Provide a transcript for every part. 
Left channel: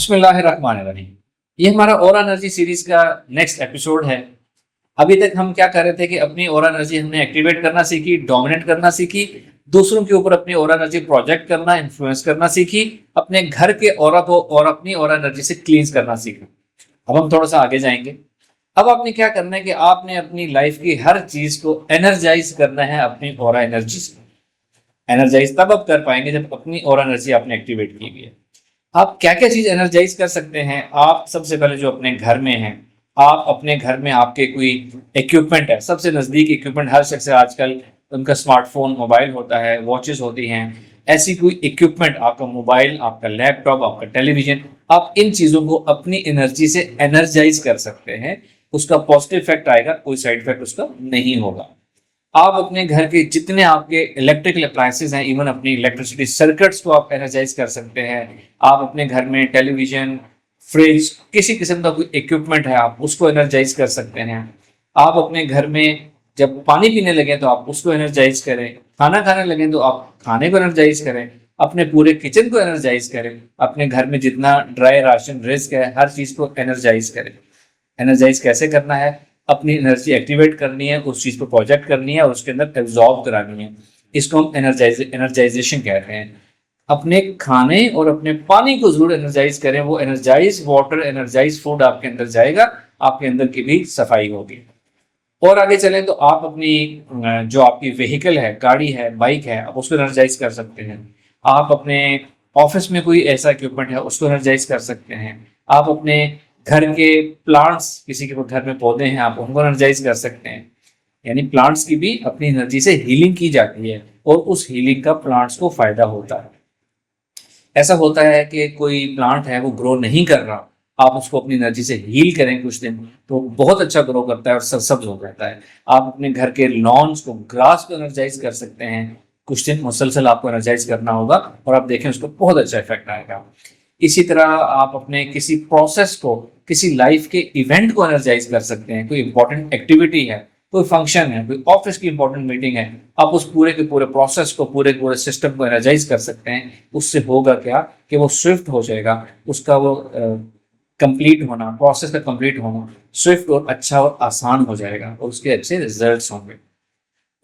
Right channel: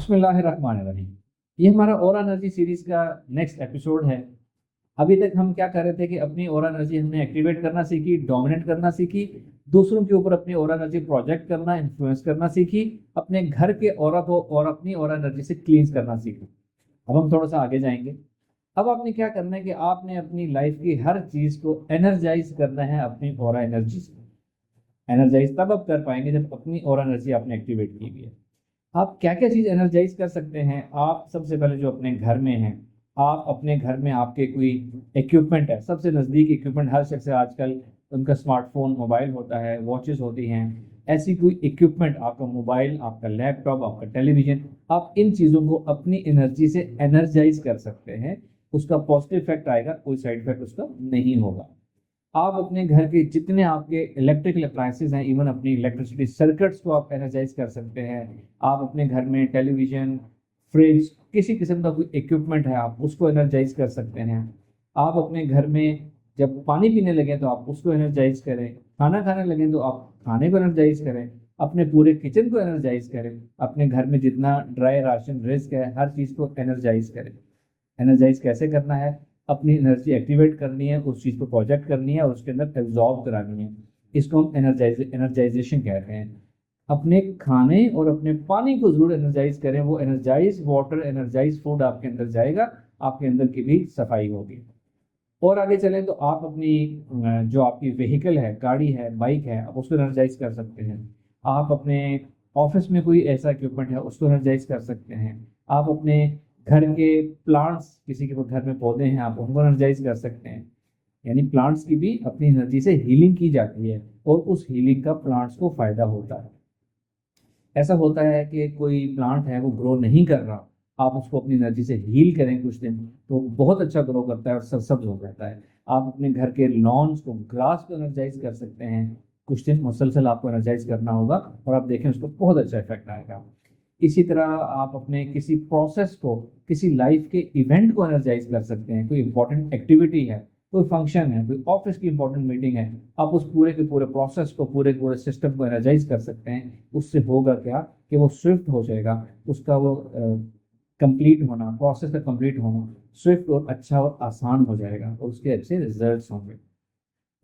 बिस्मिल्लाहिर्रहमानिर्रहीम। ये हमारा ऑरा एनर्जी सीरीज का नेक्स्ट एपिसोड है। अभी तक हम क्या कर रहे थे कि अपनी ऑरा एनर्जी हमने एक्टिवेट करना सीखी, डोमिनेट करना सीखी, दूसरों के ऊपर अपनी ऑरा एनर्जी प्रोजेक्ट करना, इन्फ्लुएंस करना सीखी, अपने घर के ऑरा को और अपनी ऑरा एनर्जी से क्लींस करना सीखा। अब हम थोड़ा सा आगे जाएंगे। अब आपने क्या करना है कि आपने अपनी लाइफ की हर चीज को एनर्जाइज करना है अपनी ऑरा एनर्जी से। एनर्जाइज तब आप कर पाएंगे जब अपनी ऑरा एनर्जी आपने एक्टिवेट की हुई है। आप क्या क्या चीज एनर्जाइज कर सकते हैं? आप सबसे पहले जो अपने घर में हैं, आप अपने घर में आपके कोई इक्विपमेंट है, सबसे नजदीक इक्विपमेंट हर शख्स है आजकल, उनका स्मार्टफोन, मोबाइल होता है, वॉचेस होती हैं। ऐसी कोई इक्विपमेंट, आपका मोबाइल, आपका लैपटॉप, आपका टेलीविजन, आप इन चीजों को अपनी एनर्जी से एनर्जाइज कर सकते हैं। उसका पॉजिटिव इफेक्ट आएगा, कोई साइड इफेक्ट उसका नहीं होगा। आप अपने घर के जितने आपके इलेक्ट्रिकल अप्लायंसेस हैं, इवन अपनी इलेक्ट्रिसिटी सर्किट्स को आप एनर्जाइज कर सकते हैं। आप अपने घर में टेलीविजन, फ्रिज, किसी किस्म का कोई इक्विपमेंट है, आप उसको एनर्जाइज कर सकते हैं। आप अपने घर में जब पानी पीने लगे तो आप उसको एनर्जाइज करें, खाना खाने लगे तो आप खाने को एनर्जाइज करें, अपने पूरे किचन को एनर्जाइज करें, अपने घर में जितना ड्राई राशन, रिस्क है, हर चीज को एनर्जाइज करें। एनर्जाइज कैसे करना है? अपनी एनर्जी एक्टिवेट करनी है, उस चीज पर प्रोजेक्ट करनी है और उसके अंदर एब्जॉर्ब करानी है। इसको हम एनर्जाइजेशन कहते हैं। अपने खाने और अपने पानी को जरूर एनर्जाइज करें। वो एनर्जाइज वाटर, एनर्जाइज फूड आपके अंदर जाएगा, आपके अंदर की भी सफाई होगी। और आगे चलें तो आप अपनी जो आपकी व्हीकल है, गाड़ी है, बाइक है, आप उसको एनर्जाइज कर सकते हैं। आप अपने ऑफिस में कोई ऐसा इक्विपमेंट है, उसको एनर्जाइज कर सकते हैं। आप अपने घर के प्लांट्स, किसी के घर में पौधे हैं, आप उनको एनर्जाइज कर सकते हैं। यानी प्लांट्स की भी अपनी एनर्जी से हीलिंग की जाती है और उस हीलिंग का प्लांट्स को फायदा होता है। ऐसा होता है कि कोई प्लांट है वो ग्रो नहीं कर रहा, आप उसको अपनी एनर्जी से हील करें कुछ दिन, तो बहुत अच्छा ग्रो करता है और सरसब्ज हो जाता है। आप अपने घर के लॉन्स को, ग्रास को एनर्जाइज कर सकते हैं। कुछ दिन मुसलसल आपको एनर्जाइज करना होगा और आप देखें उसको बहुत अच्छा इफेक्ट आएगा। इसी तरह आप अपने किसी प्रोसेस को, किसी लाइफ के इवेंट को एनर्जाइज कर सकते हैं। कोई इंपॉर्टेंट एक्टिविटी है, कोई फंक्शन है, कोई ऑफिस की इंपॉर्टेंट मीटिंग है, आप उस पूरे के पूरे प्रोसेस को, पूरे के पूरे सिस्टम को एनर्जाइज कर सकते हैं। उससे होगा क्या कि वो स्विफ्ट हो जाएगा, उसका वो कंप्लीट होना, प्रोसेस का कंप्लीट होना स्विफ्ट और अच्छा और आसान हो जाएगा और उसके अच्छे रिजल्ट्स होंगे।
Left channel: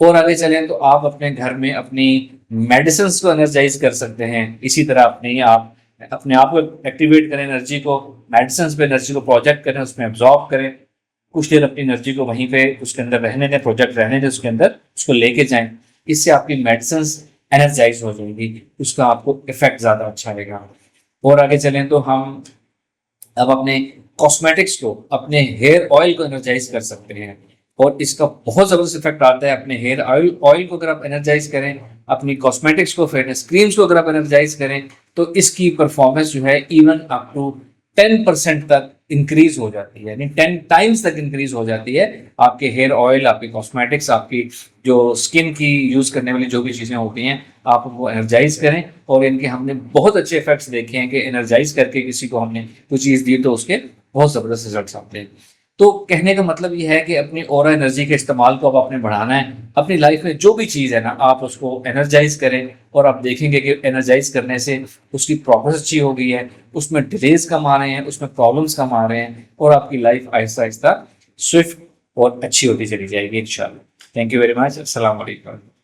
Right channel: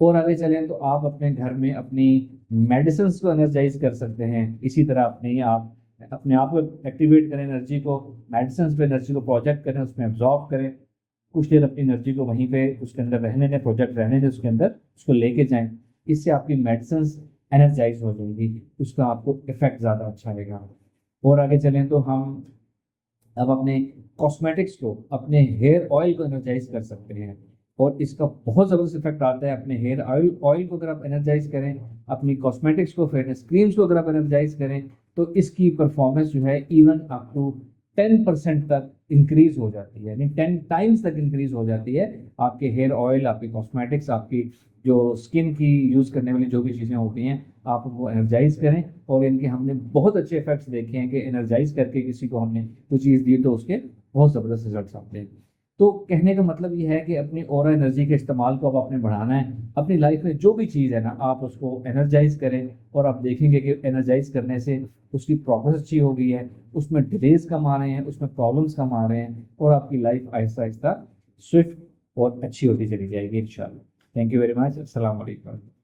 और आगे चलें तो आप अपने घर में अपनी मेडिसिन को एनर्जाइज कर सकते हैं। इसी तरह अपने आप को एक्टिवेट करें, एनर्जी को, मेडिसिन पे एनर्जी को प्रोजेक्ट करें, उसमें एब्जॉर्ब करें। कुछ देर अपनी एनर्जी को वहीं पे उसके अंदर रहने दें, प्रोजेक्ट रहने दें, उसके अंदर उसको लेके जाएं। इससे आपकी मेडिसिन एनर्जाइज हो जाएगी, उसका आपको इफेक्ट ज़्यादा अच्छा आएगा। और आगे चलें तो हम अब अपने कॉस्मेटिक्स को, अपने हेयर ऑयल को एनर्जाइज कर सकते हैं और इसका बहुत ज़बरदस्त इफेक्ट आता है। अपने हेयर ऑयल ऑयल को अगर आप एनर्जाइज करें, अपनी कॉस्मेटिक्स को, फेयरनेस क्रीम्स को अगर आप एनर्जाइज करें, तो इसकी परफॉर्मेंस जो है इवन अप टू 10% तक इंक्रीज हो जाती है, यानी 10 टाइम्स तक इंक्रीज हो जाती है। आपके हेयर ऑयल, आपकी कॉस्मेटिक्स, आपकी जो स्किन की यूज करने वाली जो भी चीजें होती हैं, आप वो एनर्जाइज करें। और इनके हमने बहुत अच्छे इफेक्ट्स देखे हैं कि एनर्जाइज करके किसी को हमने कोई चीज दी तो उसके बहुत जबरदस्त रिजल्ट्स आते हैं। तो कहने का मतलब ये है कि अपनी ऑरा एनर्जी के इस्तेमाल को अब आपने बढ़ाना है। अपनी लाइफ में जो भी चीज़ है ना, आप उसको एनर्जाइज करें और आप देखेंगे कि एनर्जाइज करने से उसकी प्रोग्रेस अच्छी हो गई है, उसमें डिलेज कम आ रहे हैं, उसमें प्रॉब्लम्स कम आ रहे हैं और आपकी लाइफ आहिस्ता आहिस्ता स्विफ्ट और अच्छी होती चली जाएगी इंशाल्लाह। Thank you very much. अस्सलाम वालेकुम।